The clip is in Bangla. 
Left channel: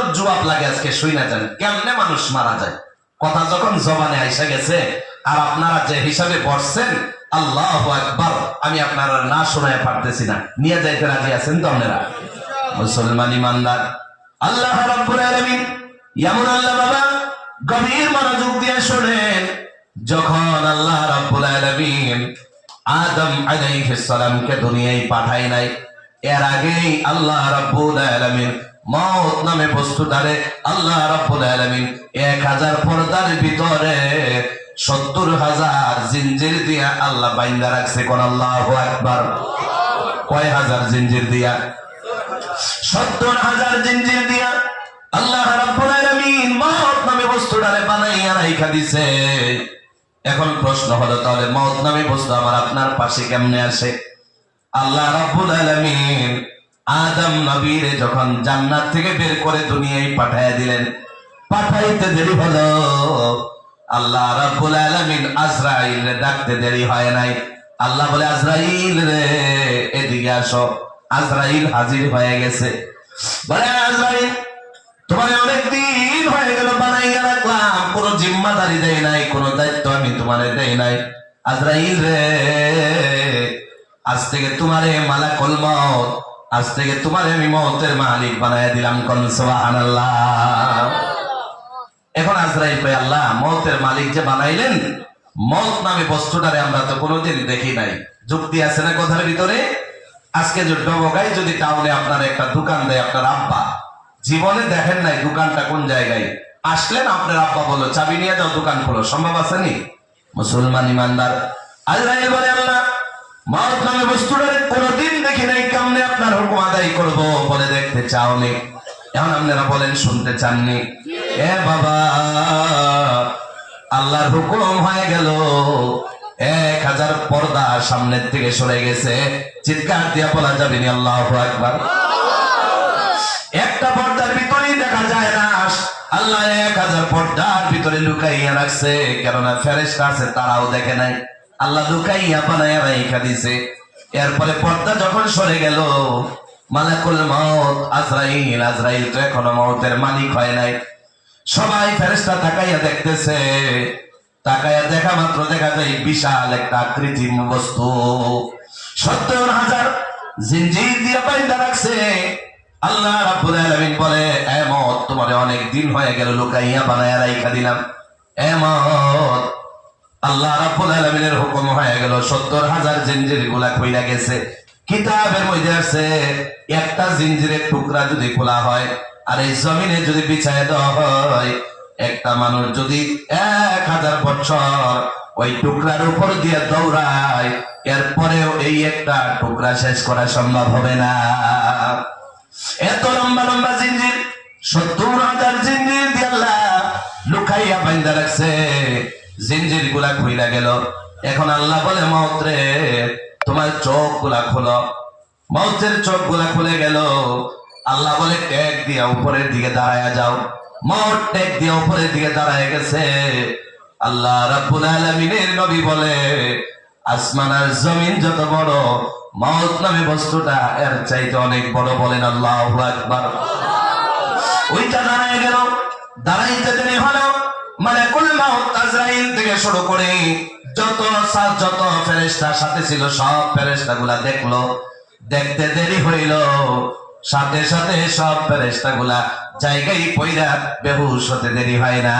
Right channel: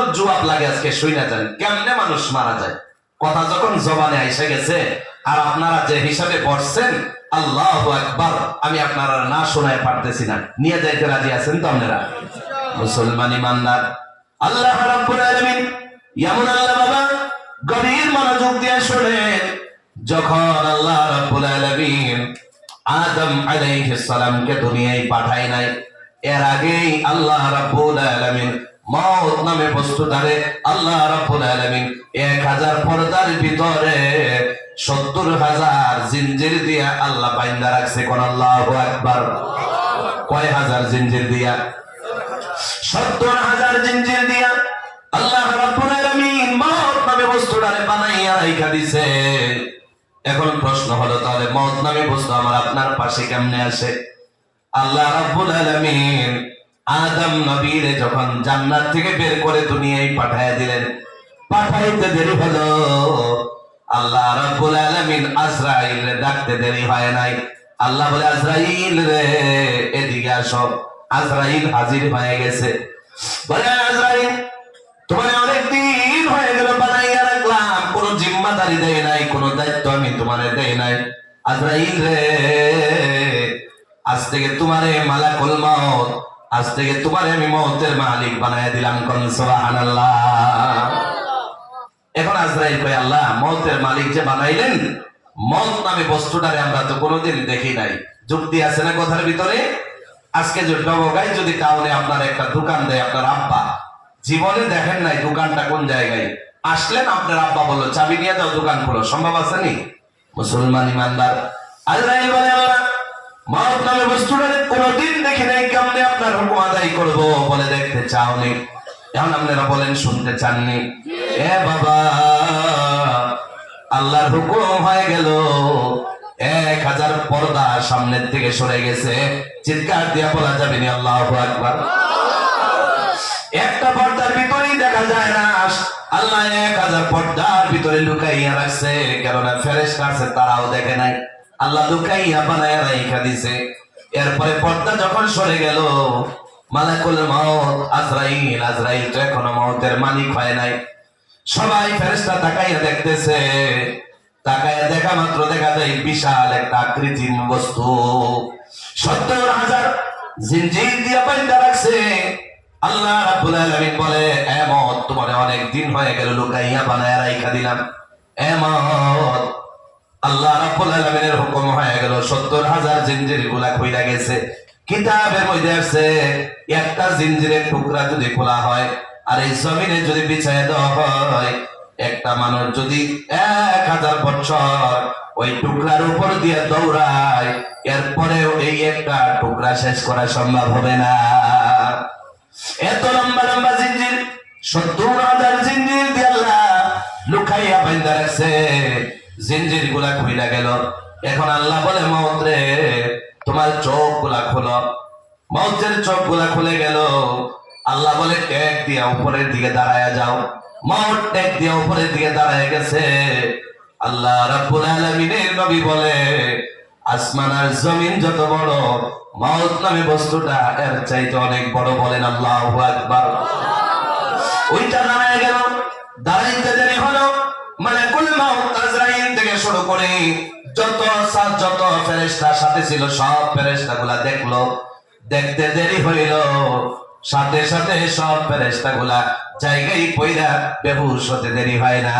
প্রশ্নের জবাব লাগে আজকে শুনে যান, কেমনে মানুষ মারা যায়। কথা যখন জবানে আইসা গেছে আর আপনারা যে হিসাবে পড়ছেন আল্লাহু আকবার, আমি আপনারা না শোনায় পারতেছি না, নিয়ে যাইতে রাজি আছেন তো আপনারা? মুসলমান ইমানদার, আল্লাহ রাব্বুল আলামিন এমন আল্লাহ বাবা, গভীর মনোযোগ দিয়ে শুনেন। যখন আল্লাহ রাব্বুল আলামিন আদম আলাইহিস সালামকে দুনিয়ায় পাঠায় নাই, এর আগেই আল্লাহ রাব্বুল আলামিন মওত নামে বস্তুটারে আল্লাহ রাব্বুল আলামিন 1000 পর্দার ভিতরে 70,000 জিনজির দিয়া আল্লাহ বাইন্ধা রাখছে। কোন আল্লাহু আকবার। কয় হাজার জিনজির দিয়া? 70,000 জিনজির দিয়া আল্লাহ রাব্বুল আলামিন মওত নামে বস্তুটারে বানাইয়া রাইখা দিছে। এখন প্রশ্ন হলো, তাহলে মওত নামে বস্তু আমার আপনার পাশে কেমনে আসে? আল্লাহ রাব্বুল আলামিন আদম নবীরে যখন জান্নাত থেকে বের করে দুনিয়ায় পাঠায় দিলেন, পাঠাইতে দেরি হলো, আল্লাহ রাব্বুল আলামিন আজরাইলরে ডাকতে দেরি হয় নাই। আল্লাহ বলে, আজরাইল রে এদিকে আসো। আজরাইল হাজির হয়ে গেছে। বলে, আজরাইল তোমার অনেক দিন হয়ে গেল বানাইয়া রাখলাম, কোন জিম্মাদারি দেই নাই, কোন দায়িত্ব আমি তোমারে দেই নাই। আজরাইল রে আজ থেকে তোমারে মালাকুল মউত, আজ থেকে তোমারে আমি মওতের মালিক বানাইয়া দিলাম। কোন সুবহানাল্লাহ। এখন আজরাইল ভাই, আল্লাহ মওতের মালিক যে বানাইলেন, মওত নামে বস্তুটারে আমরা তো কোনোদিন দেখি নাই। যুক্তি আছে না কথার ভিতরে? আজকে যদি ডবগায় যদি টাউনে আপনার একটা দোকান দেয় আপনার আব্বা, জীবনে দেখেন নাই দোকানটা কোন জায়গায়, আসলেন আপনার আব্বা বললো চাবি নিয়ে যাও দোকান খোলো, সম্ভব আছে নি? মুসলমান ইমানদার, আজরাইল বলে, আল্লাহ মওত নামে বস্তুটারে কোনোদিন দেখি নাই, কেমনে আপনার হুকুম আদায় করবো? বলে, দেখতে চাওনি। এখন আপনারা বলেন শুনতে চাননি? এ বাবা, আল্লাহর হুকুম হয়ে গেল, 1000 পর্দা সামনের থেকে সরে গেছে। চিৎকার দিয়া বলা যাবে না আল্লাহু আকবার। একটা পর্দার ভিতরেই দেখা যায় না, আল্লাহ 1000 পর্দার ভিতরে লুকাইয়া রাখছে। কেননা ফেরেশতা আছে, তারাও দেখে নাই, আল্লাহ লুকাইয়া বানাইয়া রাইখা দিছে। এরপরে পর্দা যখন সরে গেল, মালাকুল মউত আজরাইল, আজরাইল তো এখনো মওতের মালিক হয় নাই। সবাই ফেরেশতা তাকাইয়া দেখতেছে, তাকাইয়া দেখা মাত্র দেখা যায় বিশাল একটা আকৃতির বস্তু 70,000 জিনজির দিয়া বাইন্ধা রাখছে। আল্লাহ রাব্বুল আলামিন বলে, এ মওত তোমার অনেক দিন হয়ে গেল লুকাইয়া বানাইয়া রাইখা দিলাম। এ মওত, আল্লাহ রাব্বুল আলামিনের হুকুম হয়ে গেল, 70,000 জিনজির গুলা কইরা গেছে। কিতাবের মধ্যে আছে, একটা জিনজিরের টুকরা যদি খোলা হয় আর এই জমিনে যদি বিছায় দেওয়া হয়, একটা মানুষ যদি 1000 বছর ওই টুকরার উপর দিয়ে দৌড়ায়, এরপরেও এই একটা টুকরা শেষ করা সম্ভব হবে না। এত লম্বা লম্বা জিনজির, 70,000 জিনজির দিয়ে আল্লাহ লুকাইয়া বাইন্ধা রাখছে। জিনজির গুলা খুইলা গেল। এখন আল্লাহ বলে, মওত রে তোমার চোখ গুলা খোলো। মওতের চোখ গুলা খুলে গেল। আল্লাহ বলে, টেক দিয়া উপরের দিকে দাঁড়ায় যাও। মওত টেক দিয়া উপরের দিকে দাঁড়ায় গেছে। আল্লাহ রাব্বুল আলামিনের নবী বলে, আসমান আর জমিন যত বড়, মওত নামে বস্তুটা এর চাইতে অনেক বড়। বলেন আল্লাহু আকবার। ওইটা দাঁড়ায় গেল। দাঁড়াইতে দেরি হলো, মালাকুল মউত আজরাইল থেকে শুরু করে যত ফেরেশতা সাথে ছিল সব ফেরেশতাগুলা দেখলো। দেখতে দেরি হইল, সাথে সাথে সব ফেরেশতাগুলা জায়গায় পইরা বেহুশ হতে দেরি হয় না।